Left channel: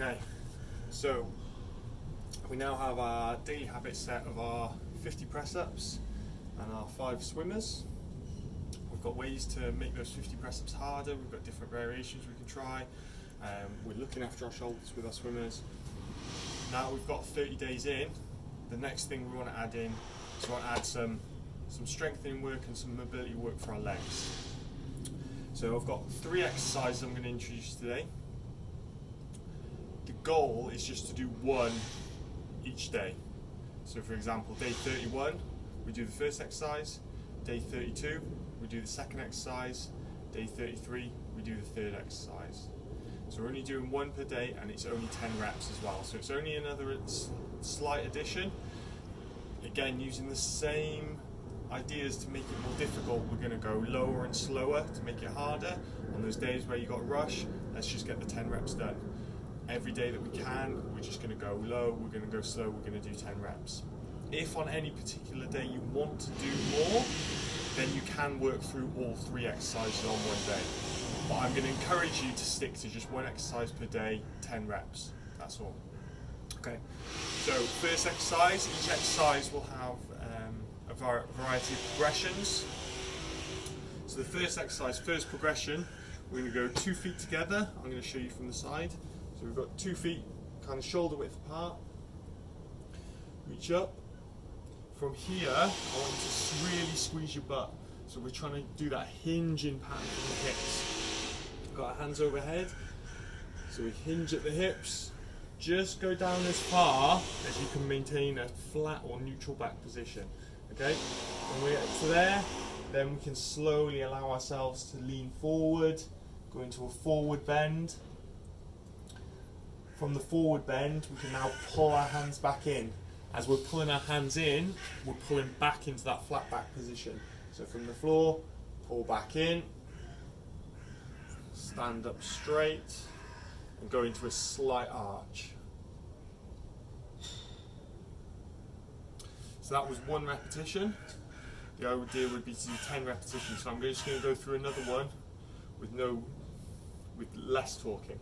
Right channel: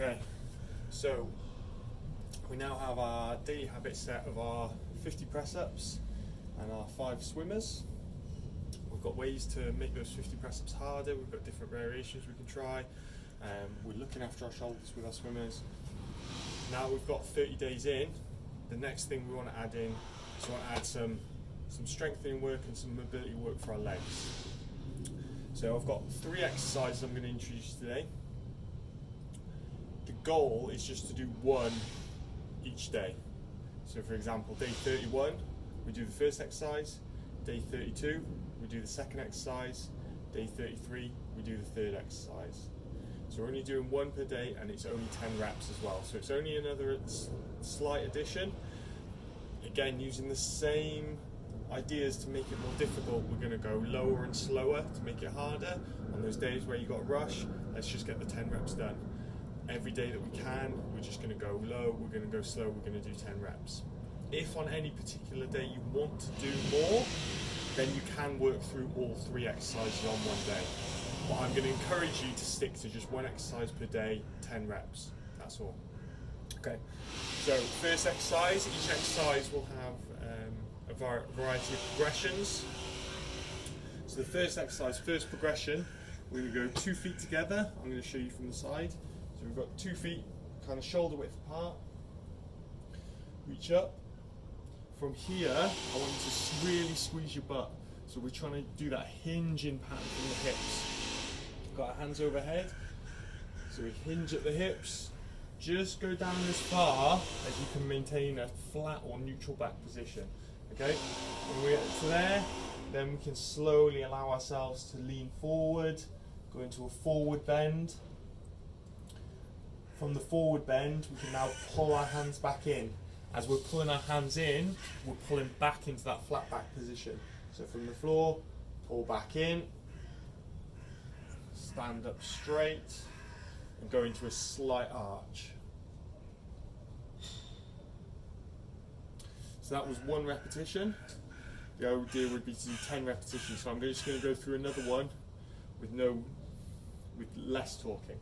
Okay, so we now have our daily habit set of our 50 press-ups and our 5 swimmers. We've got ways to make those 50 press-ups harder, we've got different variations we can try. We're looking after our shoulders with our swimmers. Now we've got 30 days in, the next thing we want to add in is we want to add some strengthening work and some mobility work for our legs. So I've got 3 exercises I'm going to introduce today. The goal is just to do 1 each day. So for example, day 31, we do the first exercise. Day 32, we do the second exercise. Day 33, we do the third exercise. So we're only doing 1 per day, and it's only 10 reps as well. So it's only another slight addition. Again, using the same ideas to make it more difficult, we're going to go lower and slower to make it harder. On those days where you've got a rush, let's just get the 10 reps done. Every day that we can, we're just going to go low, we're going to go slow, we're going to do 10 reps. If on any particular day you want to do more, then you can work through all 3 exercises on one day. But I'm going to encourage you to stick to just 1 exercise per day, 10 reps. That's all. Okay, so first exercise, each exercise will have a variety of progressions. So the first exercise, first progression, we're going to go 2 feet together. I'm going to show you from the side. So we've got 2 feet kind of shoulder width apart. Reach up. From here, I want you to really squeeze your butt. So we're trying to do that hinging pattern from the hips. Got our hands overhead. So we hinge at the hips. Just go down as far as you can maintain a flat or neutral back position. Okay? When we get to there, then we can slowly allow ourselves to lean forward, go into a forward bend. From the forward bend, we can now pull our hands back in. As we're pulling our hands in, we're pulling back into that flat back position. So from the floor, pull back in, stand up straight, and go into a slight arch. So that was 1 repetition. The idea would be to do 10 repetitions. So I'm just going to go through another one with less talking.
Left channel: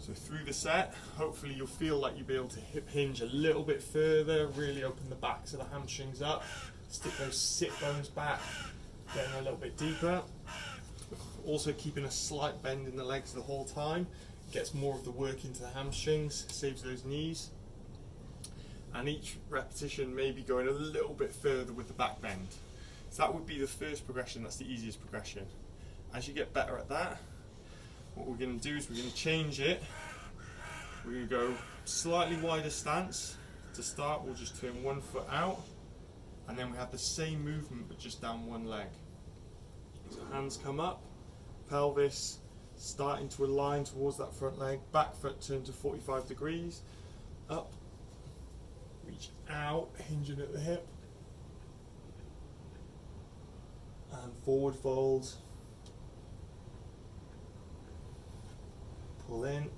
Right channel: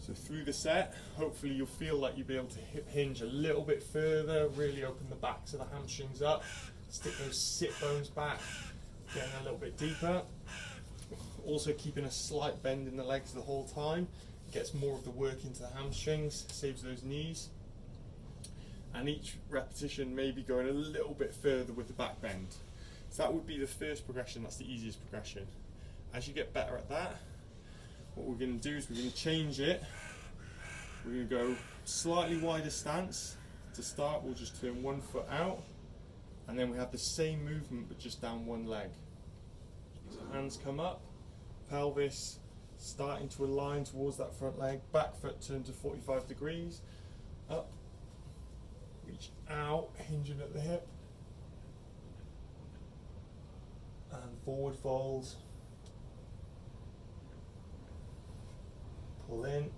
So through the set, hopefully you'll feel like you'll be able to hip hinge a little bit further, really open the backs of the hamstrings up, stick those sit bones back, getting a little bit deeper. Also keeping a slight bend in the legs the whole time, gets more of the work into the hamstrings, saves those knees. And each repetition may be going a little bit further with the back bend. So that would be the first progression, that's the easiest progression. As you get better at that, what we're going to do is we're going to change it. We're going to go slightly wider stance. To start, we'll just turn 1 foot out, and then we have the same movement but just down 1 leg. So hands come up, pelvis starting to align towards that front leg, back foot turned to 45 degrees, up, reach out, hinging at the hip, and forward fold. Pull in,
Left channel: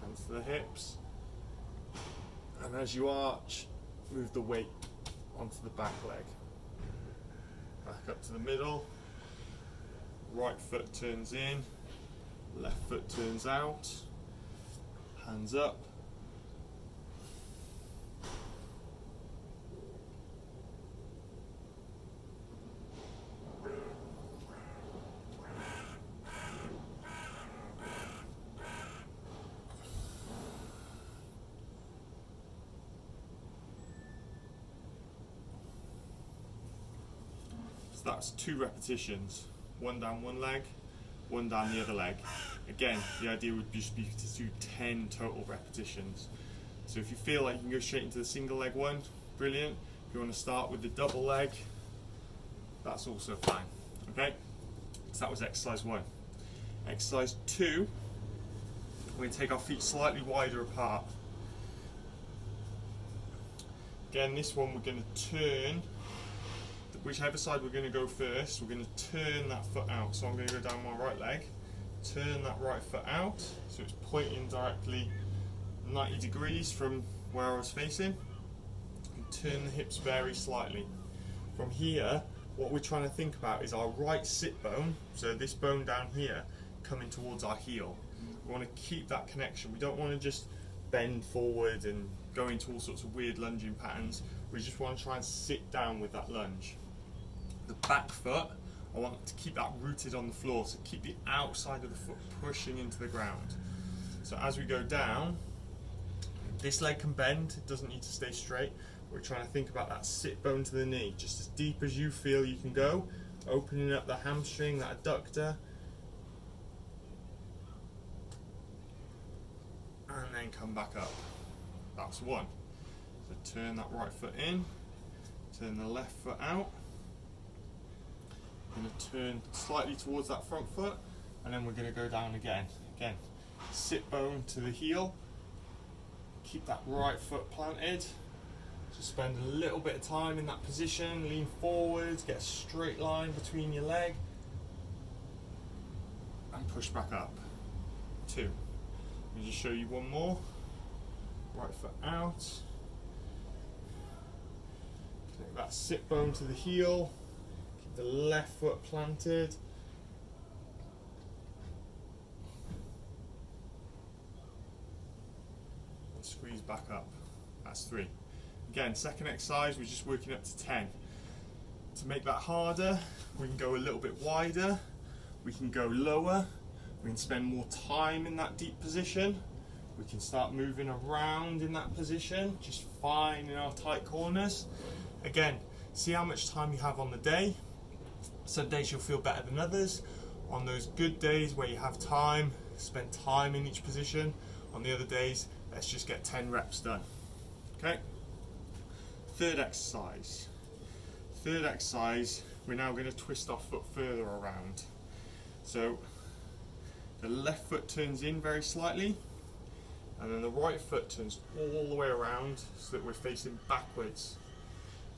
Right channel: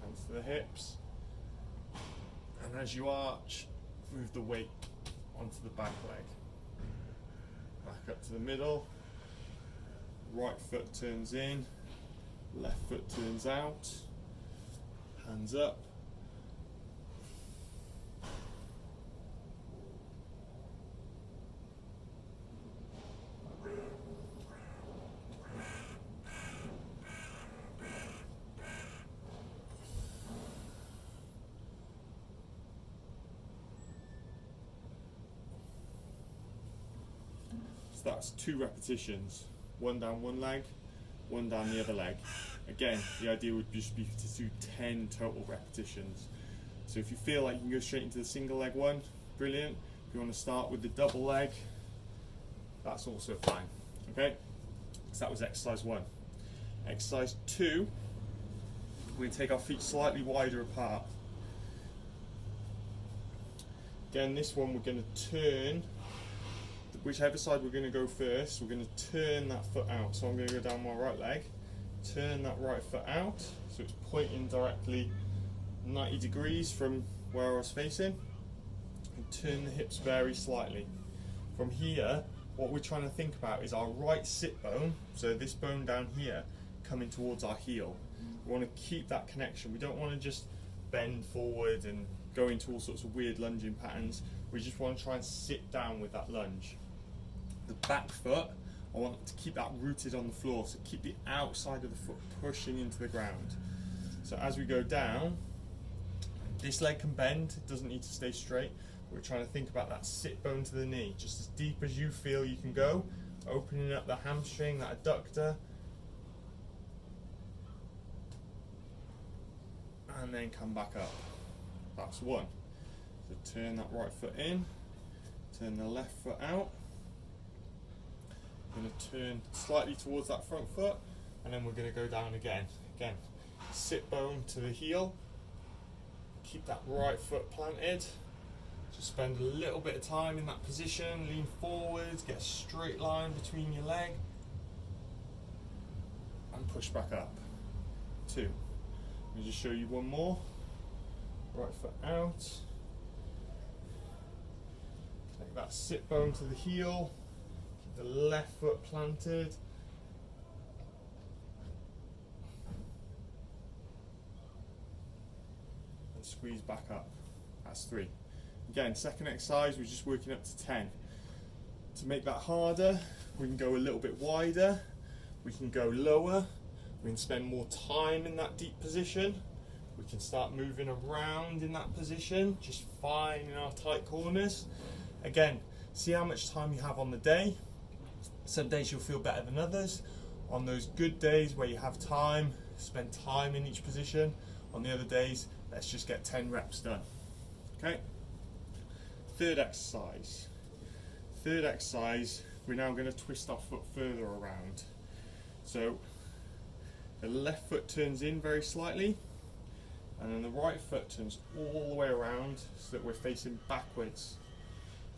hands to the hips, and as you arch, move the weight onto the back leg. Back up to the middle, right foot turns in, left foot turns out, hands up. So that's 2 repetitions, 1 down 1 leg, 1 down the other leg. Again, the idea would just be to do 10 total repetitions. So if you feel like you can go straight into the single leg one, brilliant. If you want to start with the double leg, that's also fine. Okay, so that was exercise 1. Exercise 2, We're going to take our feet slightly wider apart. Again, this one we're going to turn, whichever side we're going to go first, we're going to turn that foot out. So I'm going to go down my right leg, turn that right foot out, so it's pointing directly 90 degrees from where I was facing, and turn the hips very slightly. From here, what we're trying to think about is our right sit bone, so this bone down here, coming towards our heel. We want to keep that connection. We don't want to just bend forward and go into all sorts of weird lunging patterns. We just want to try and sit down with that lunge. The back foot, I want to keep that rooted on the floor, so keep the outside of the foot pushing into the ground. So as we go down, this leg can bend, it doesn't need to stay straight. We're trying to think about that sit bone to the knee, just as deep as you feel you can go, opening up the hamstring, that adductor, and then come back up. That's one. So turn that right foot in, turn the left foot out. We're going to turn slightly towards that front foot, and then we're going to go down again. Again, sit bone to the heel, keep that right foot planted. Just spend a little bit of time in that position, lean forwards, get a straight line between your leg, and push back up. Two. Let me just show you one more. Right foot out. Connect that sit bone to the heel. Keep the left foot planted. And squeeze back up. That's three. Again, second exercise, we're just working up to 10. To make that harder, we can go a little bit wider. We can go lower. We can spend more time in that deep position. We can start moving around in that position, just finding our tight corners. Again, see how much time you have on the day. Some days you'll feel better than others. On those good days where you have time, spend time in each position. On the other days, let's just get 10 reps done. Okay? Third exercise. Third exercise, we're now going to twist our foot further around. So the left foot turns in very slightly, and then the right foot turns all the way around so that we're facing backwards.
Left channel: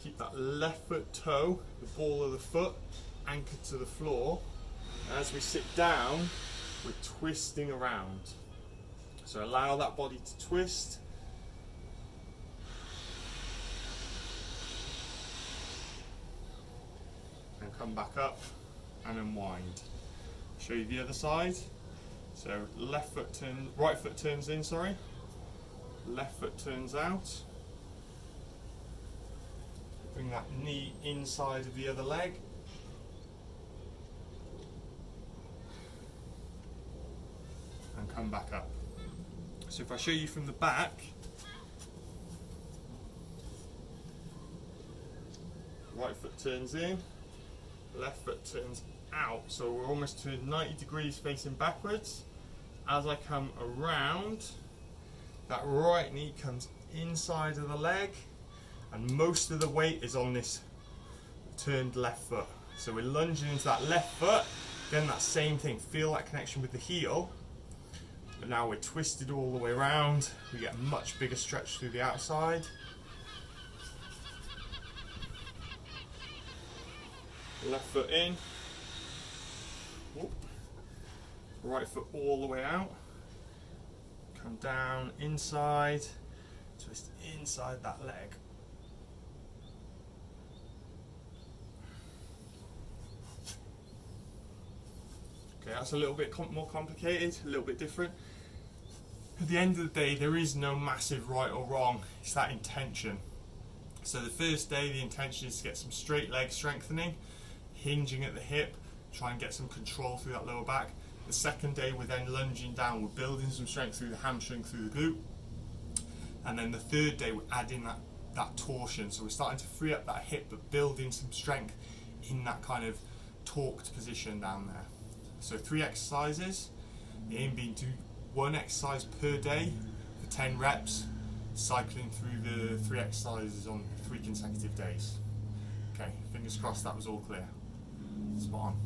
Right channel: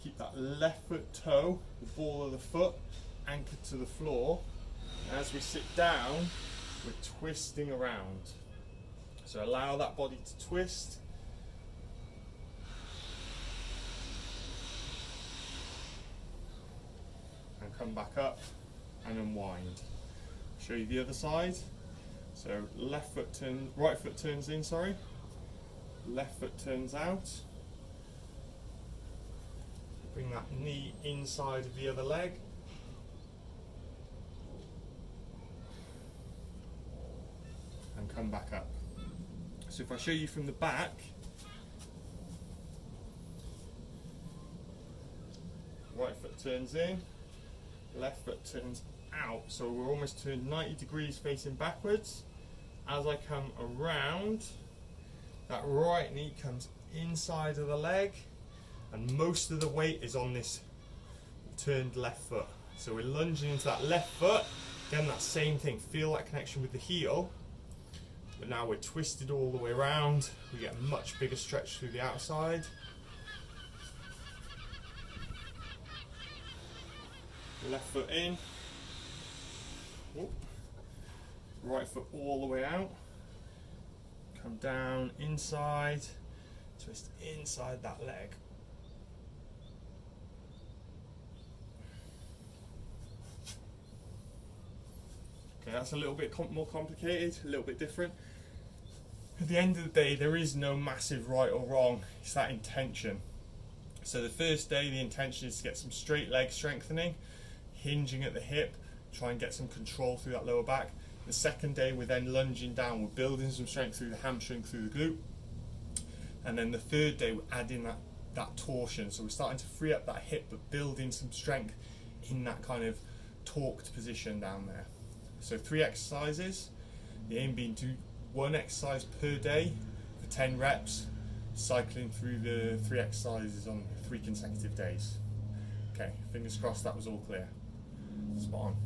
Keep that left foot toe, the ball of the foot, anchored to the floor. And as we sit down, we're twisting around. So allow that body to twist. And come back up and unwind. Show you the other side. So left foot turn, right foot turns in, sorry. Left foot turns out. Bring that knee inside of the other leg. And come back up. So if I show you from the back, right foot turns in, left foot turns out. So we're almost turned 90 degrees facing backwards. As I come around, that right knee comes inside of the leg, and most of the weight is on this turned left foot. So we're lunging into that left foot. Again, that same thing, feel that connection with the heel, but now we're twisted all the way around. We get a much bigger stretch through the outside. Left foot in. Whoop. Right foot all the way out. Come down inside, twist inside that leg. Okay, that's a little bit more complicated, a little bit different. At the end of the day, there is no massive right or wrong, it's that intention. So the first day, the intention is to get some straight leg strengthening, hinging at the hip, try and get some control through that lower back. The second day, we're then lunging down, we're building some strength through the hamstring, through the glute. And then the third day, we're adding that torsion. So we're starting to free up that hip, but building some strength in that kind of torqued position down there. So 3 exercises, the aim being to do 1 exercise per day for 10 reps, cycling through the 3 exercises on 3 consecutive days. Okay, fingers crossed that was all clear. Spot on.